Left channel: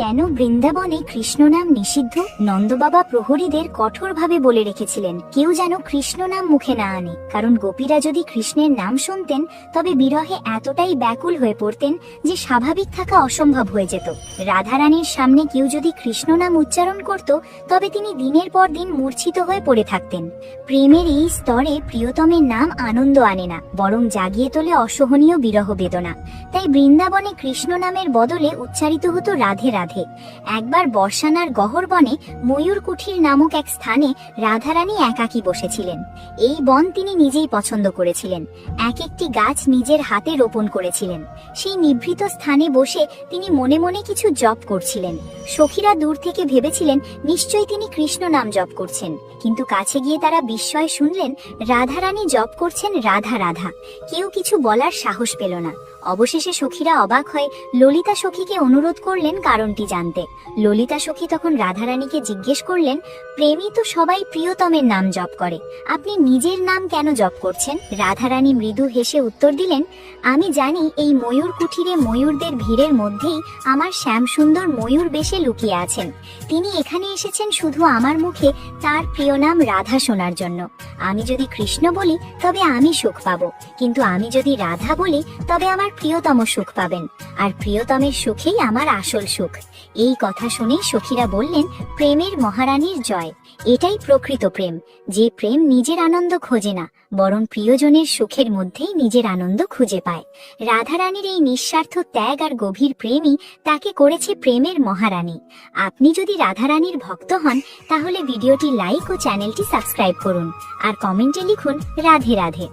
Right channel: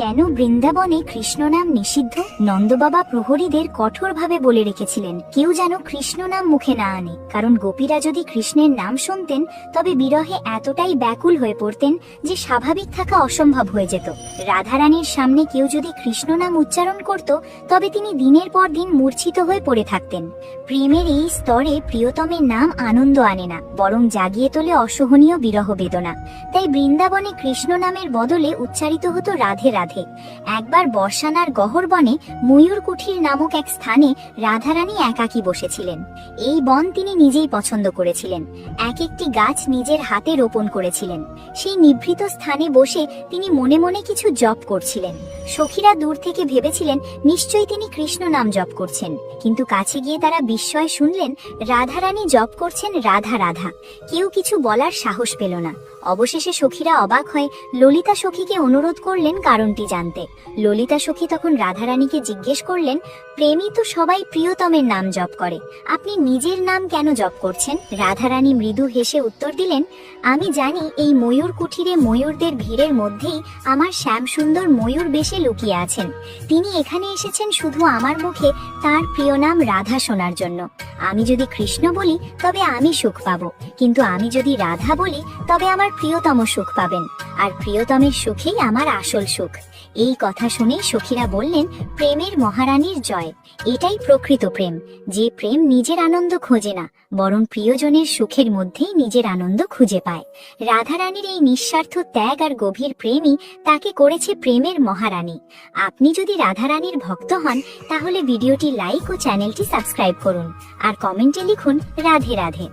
কেন বৃন্দাবনে কৃষ্ণ নাম নিষিদ্ধ? নন্দবাবা প্রহরীদের কঠোরভাবে বলে রেখেছিলেন কেউ যেন কৃষ্ণ নাম মুখে না আনে, কারণ গোপীরা যদি কৃষ্ণের নাম শুনতেন তবে বিরহে এতটাই ব্যাকুল হয়ে পড়তেন যে স্বাভাবিক থাকা অসম্ভব হয়ে যেত। রাধারানীর সামনে কেউ যদি কৃষ্ণ নাম উচ্চারণ করত তবে তিনি দিনের পর দিন মূর্ছিত হয়ে পড়ে থাকতেন। প্রেমের এই স্তরে প্রিয়তমের নাম আনন্দ আনে না, বরং জাগিয়ে তোলে অসহনীয় বিরহ বেদনা। তাই বৃন্দাবনে কৃষ্ণ নামের বদলে উচ্চারিত হতো রাধে রাধে। একবার বর্ষানার গহর বনে ময়ূর কুঠির নামক এক স্থানে রাধারানী একাকী বসেছিলেন। এই বন তিনি নিজেই পছন্দ করেছিলেন, এক একটি গাছ নিজের হাতে রোপণ করেছিলেন। সেই নিভৃত স্থানে বসে তিনি মনে মনে কিছু জপ করছিলেন। সখীরা দূর থেকে ভেবেছিলেন নিশ্চয়ই তিনি কৃষ্ণ নাম জপ করছেন, কিন্তু কাছে গিয়ে তারা বিস্ময়ে শুনলেন রাধারানী জপ করছেন রাধা রাধা। কেউ কিছু বলার সাহস পেল না। অবশেষে সখীরা অবাক হয়ে ললিতা সখীকে অনুরোধ করলেন কারণটি জানতে। ললিতা সখী তখন রাধারানীকে জিজ্ঞেস করলেন, প্রেমী তো সবাই প্রিয়তমের নাম জপ করে, আপনি নিজের নাম কেন জপ করছেন? রাধারানী মৃদু হেসে উত্তর দিলেন, আমি জানি এই ময়ূর কুঠিরে ময়ূরদের ভিড়ের মধ্যেই আমার শ্যামসুন্দর ময়ূর বেশে লুকিয়ে আছেন। তিনি এখানে এসেছেন শুধু আমার মুখে তার প্রিয় নাম রাধা শোনার জন্য। আমি যদি কৃষ্ণ বলি তবে আমি সুখ পাবো, কিন্তু আমি যদি রাধা বলি তবে আমার প্রিয়তম সুখ পাবেন, আর প্রিয়তমের সুখেই আমার আসল সুখ। এই কথা শুনে সখীরা বললেন, প্রেমের মহারানীর জয়। এটাই প্রকৃত প্রেম, যে প্রেম নিজের আনন্দ খোঁজে না, বরং প্রিয়জনের সুখের মধ্যেই নিজের আনন্দ খুঁজে পায়। রাধারানীর এই নিঃস্বার্থ ত্যাগ আর গভীর প্রেমই তাকে করেছে প্রেমের মহারানী। আপনি যদি রাধারানীর ভক্ত হন তাহলে ভিডিওটি লাইক ও চ্যানেলটি সাবস্ক্রাইব করুন, আর কমেন্টে লিখুন রাধে রাধে।